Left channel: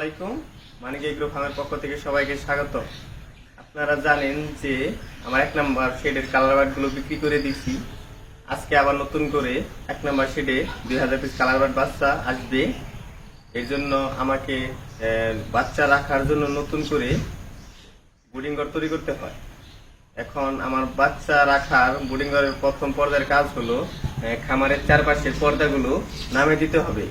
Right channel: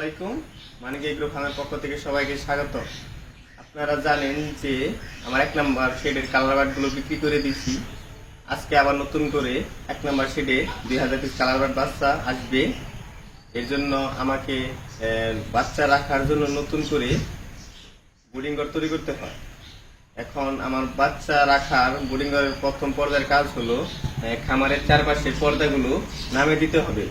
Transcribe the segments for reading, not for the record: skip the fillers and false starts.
আলাইকুম। মানিক এগ্রো ফার্মের পক্ষ থেকে সবাইকে স্বাগত। আপনারা জানেন যে আমার 1 নম্বর শেডের কালার বার্ড গুলো বিক্রি করে দিয়েছি। আজকে আবার নতুন করে 1 নম্বর শেডে 2000 পিস কালার বার্ড বাচ্চা আসবে। এর জন্য আমাকে বাচ্চা রাখার জন্য নতুন করে বোর্ডিং ঘর তৈরি করতে হয়। এখন আমার বাচ্চা রাখার বোর্ডিং ঘরের প্রথম পর্যায়ের কাজ হলো খামারের চারপাশের পর্দাগুলো নামিয়ে দিতে হবে।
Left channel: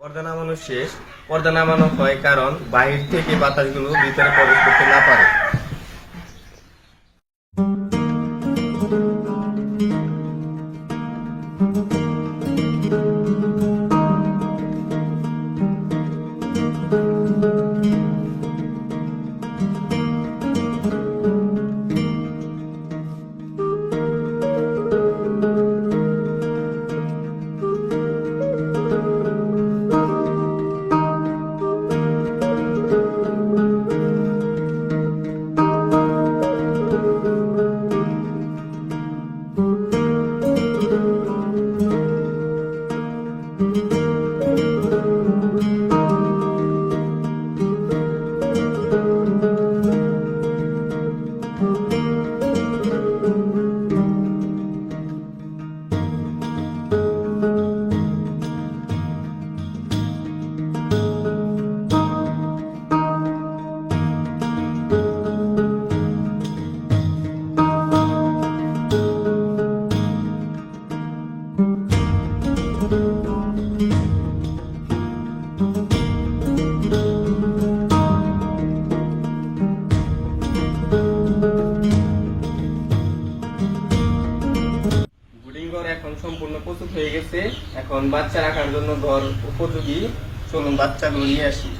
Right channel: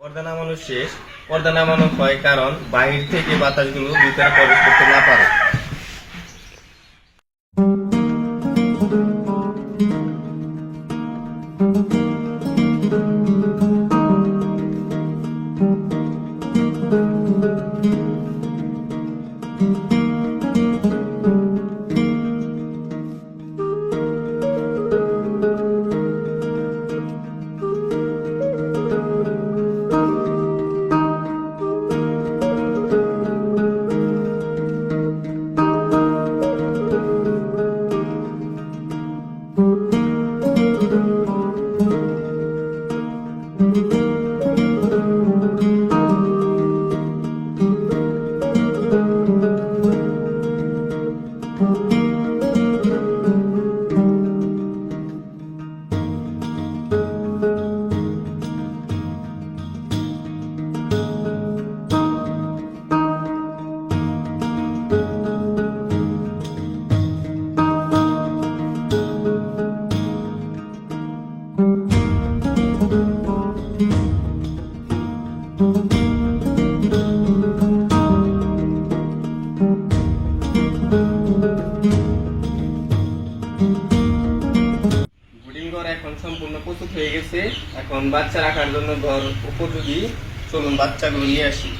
পর্দা নামানো শেষ। পর্দা নামানো হয় কারণ বাহির থেকে বাতাসগুলো ভিতরে প্রবেশ করতে না পারে। এখন সম্পূর্ণ প্রস্তুত হয়ে গেছে। এখন বাচ্চা রাখার জন্য ঘর উপযোগী। চলুন বাচ্চাগুলো নিয়ে আসি।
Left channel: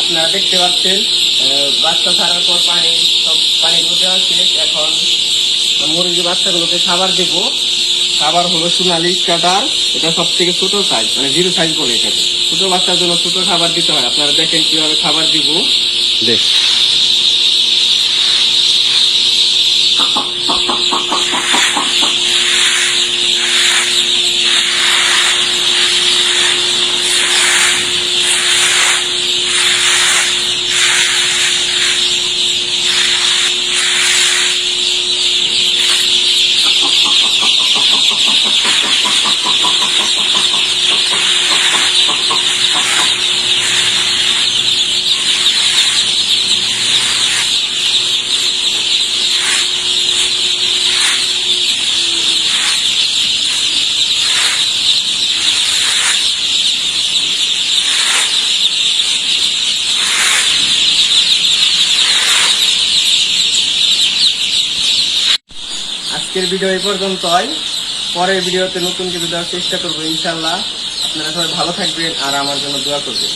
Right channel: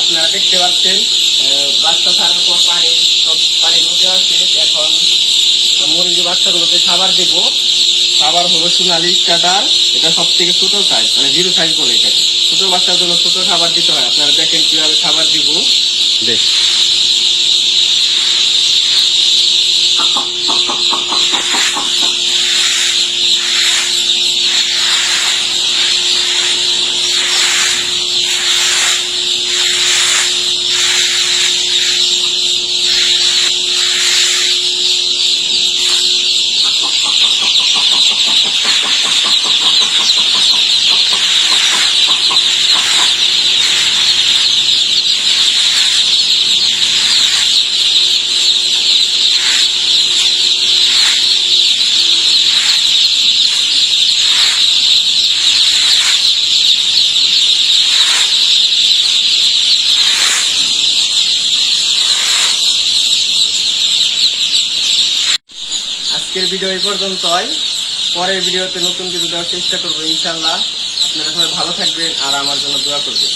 আপনারা দেখতে পাচ্ছেন বাচ্চা ছাড়ার পর সব পানি মধ্যে আছে। এখন মুরগির বাচ্চাগুলোকে খাবার দেব। খাবার হলো সোনালি কাটার। এটা সব থেকে ছোট সাইজ, মানে 0 সাইজ বলে এটাকে। ছোট বাচ্চার জন্য ছোট খাবার দিতে হয়। আপনারা দেখেন কিভাবে খাবার দিব। দেখ আজকের ভিডিও এই পর্যন্তই। পরের ভিডিওতে নতুন কিছু দেওয়ার চেষ্টা করবো ইনশাল্লাহ। আপনারা সবাই ভালো থাকবেন আর আমার জন্য দোয়া করবেন।